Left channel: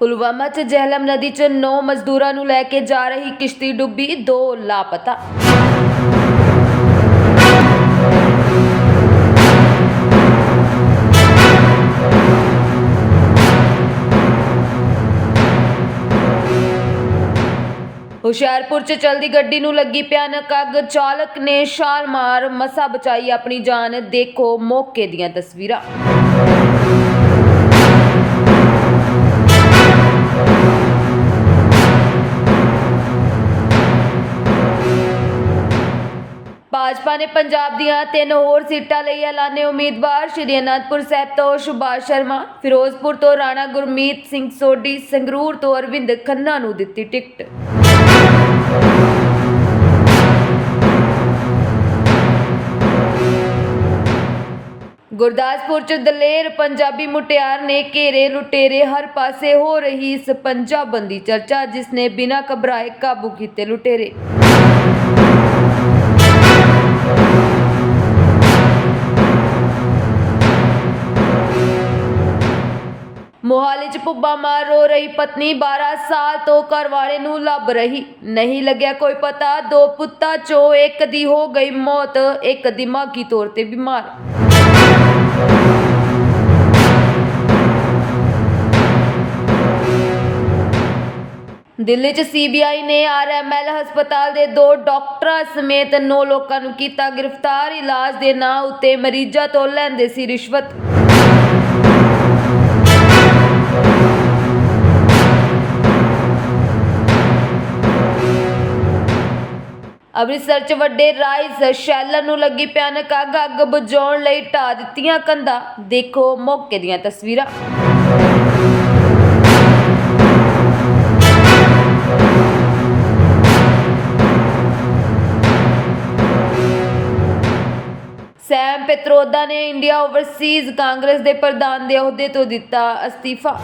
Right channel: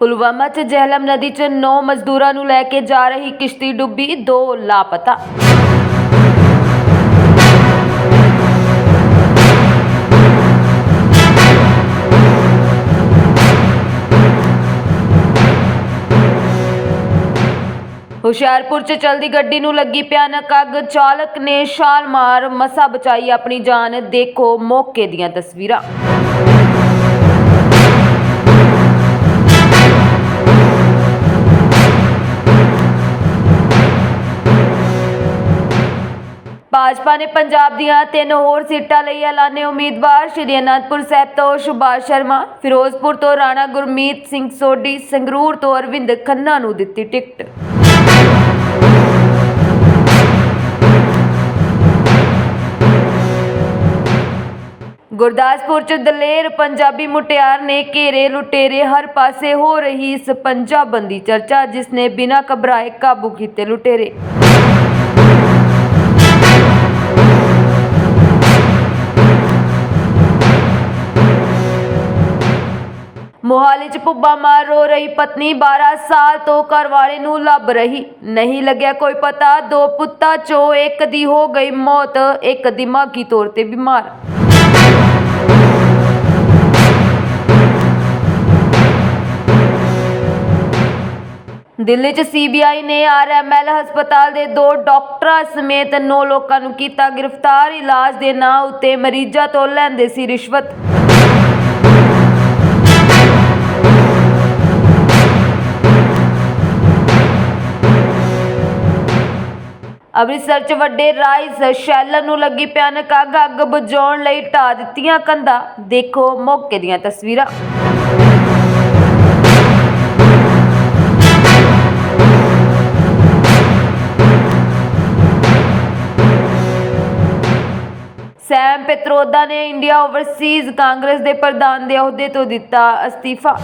ਪੁਲਵਾਮਾ 'ਚ ਜਹਿਲਮ ਨਦੀ 'ਚ 9 ਮਜ਼ਦੂਰਾਂ ਨੂੰ ਲੈ ਕੇ ਜਾ ਰਹੀ ਕਿਸ਼ਤੀ ਡੁੱਬੀ, ਦੋ ਲਾਪਤਾ। ਹੁਸ਼ਿਆਰਪੁਰ 'ਚ ਚਲਦੀ ਗੱਡੀ ਨੂੰ ਲੱਗੀ ਭਿਆਨਕ ਅੱਗ, ਚਾਲਕ ਨੇ ਛਾਲ ਮਾਰ ਮਸਾ ਬਚਾਈ ਆਪਣੀ ਜਾਨ। ਦੇਖੋ ਮੌਕੇ ਦੀਆਂ ਤਸਵੀਰਾਂ। ਭਾਜਪਾ ਨੇ ਪੰਜਾਬ ਦੀਆਂ ਤਿੰਨ ਹੋਰ ਸੀਟਾਂ ਲਈ ਐਲਾਨੇ ਉਮੀਦਵਾਰ, ਸ਼੍ਰੀ ਅਨੰਦਪੁਰ ਸਾਹਿਬ ਤੋਂ ਸੁਭਾਸ਼ ਸ਼ਰਮਾ, ਫਿਰੋਜ਼ਪੁਰ ਤੋਂ ਰਾਣਾ ਗੁਰਮੀਤ ਸਿੰਘ ਸੋਢੀ, ਸੰਗਰੂਰ ਤੋਂ ਅਰਵਿੰਦ ਖੰਨਾ ਨੂੰ ਦਿੱਤੀ ਟਿਕਟ। ਗੁਰਦਾਸਪੁਰ ਚ ਦਲੇਰ ਪੰਜਾਬੀ ਮੁਟਿਆਰ ਨੇ ਘੇਰੇ ਲੁਟੇਰੇ ਹਰ ਪਾਸੇ ਹੋ ਰਹੀ ਇਸ ਪੰਜਾਬੰਦੀ ਚਰਚਾ, ਜਿਸ ਨੇ ਬਿਨਾਂ ਘਬਰਾਏ ਕਾਬੂ ਕੀਤੇ ਲੁਟੇਰੇ। ਮੋਹਾਲੀ ਚ ਪੁੱਬਾ ਮਾਰ ਰੋ ਰਹੀ ਪਤਨੀ 12 ਸਾਲ ਤੋਂ ਘਰ ਵਾਲੇ ਨੂੰ ਲੱਭ ਰਹੀ। ਨਹੀਂ ਲੱਗਿਆ ਕੋਈ ਪਤਾ, ਦੋ ਪੁੱਤਾਂ ਚੋਂ ਇੱਕ ਦੀ ਹੋ ਗਈ ਮੌਤ, ਇੱਕ ਦਿਮਾਗੀ ਤੌਰ ਤੇ ਬਿਮਾਰ। ਦਿੱਲੀ ਚ ਸੀਬੀਆਈ ਨੇ ਆਰਐਮਐਲ ਹਸਪਤਾਲ ਦੇ ਦੋ ਡਾਕਟਰਾਂ ਸਮੇਤ 9 ਲੋਕਾਂ ਨੂੰ ਕੀਤਾ ਗ੍ਰਿਫਤਾਰ। ਇਲਾਜ ਦੇ ਨਾਂ ਉੱਤੇ ਮਰੀਜ਼ਾਂ ਤੋਂ ਲੈਂਦੇ ਸੀ ਰਿਸ਼ਵਤ। ਅੰਮ੍ਰਿਤਸਰ ਚ ਵੱਡੇ ਰਾਈਸ ਸ਼ੈਲਰ ਨੂੰ ਲੱਗੀ ਭਿਆਨਕ ਅੱਗ ਅੱਗ ਬੁਝਾਉਣ ਲਈ ਢਾ ਦਿੱਤੀਆਂ ਕੰਧਾਂ। ਦੇਖੋ ਮੌਕੇ ਦੀਆਂ ਤਸਵੀਰਾਂ। ਸੈਮ ਪਿਤਰੋਦਾ ਨੇ ਇੰਡੀਆ ਓਵਰਸੀਜ਼ ਕਾਂਗਰਸ ਦੇ ਪ੍ਰਧਾਨ ਦੇ ਅਹੁਦੇ ਤੋਂ ਦਿੱਤਾ ਅਸਤੀਫਾ।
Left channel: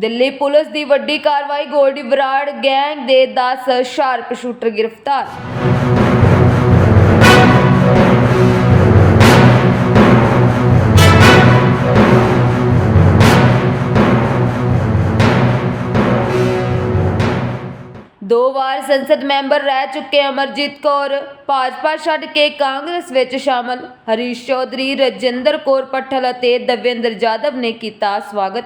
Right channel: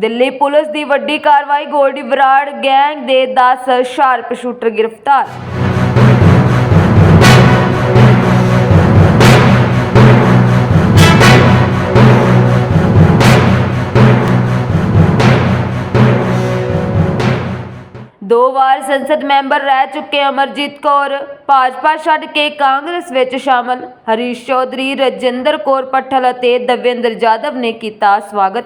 ਦਿੱਲੀ ਪੁਲਿਸ ਦੀ ਵੱਡੀ ਕਾਰਵਾਈ, ਗੋਲਡੀ ਬਰਾੜ ਗੈਂਗ ਦੇ 10 ਸ਼ਾਰਪ ਸ਼ੂਟਰ ਗ੍ਰਿਫਤਾਰ। ਦੋ ਵਾਰ ਸੰਸਦ ਮੈਂਬਰ ਰਹਿ ਚੁੱਕੇ ਅਮਰਜੀਤ ਕੌਰ। ਭਾਜਪਾ ਛੱਡ ਕੇ ਕਾਂਗਰਸ ਵਿੱਚ ਸ਼ਾਮਲ। ਹਰੀਸ਼ ਚੌਧਰੀ, ਰਜਿੰਦਰ ਕੌਰ ਪੱਠਲ ਅਤੇ ਦਵਿੰਦਰ ਜਾਦਵ ਨੇ ਕੀਤਾ ਸਵਾਗਤ।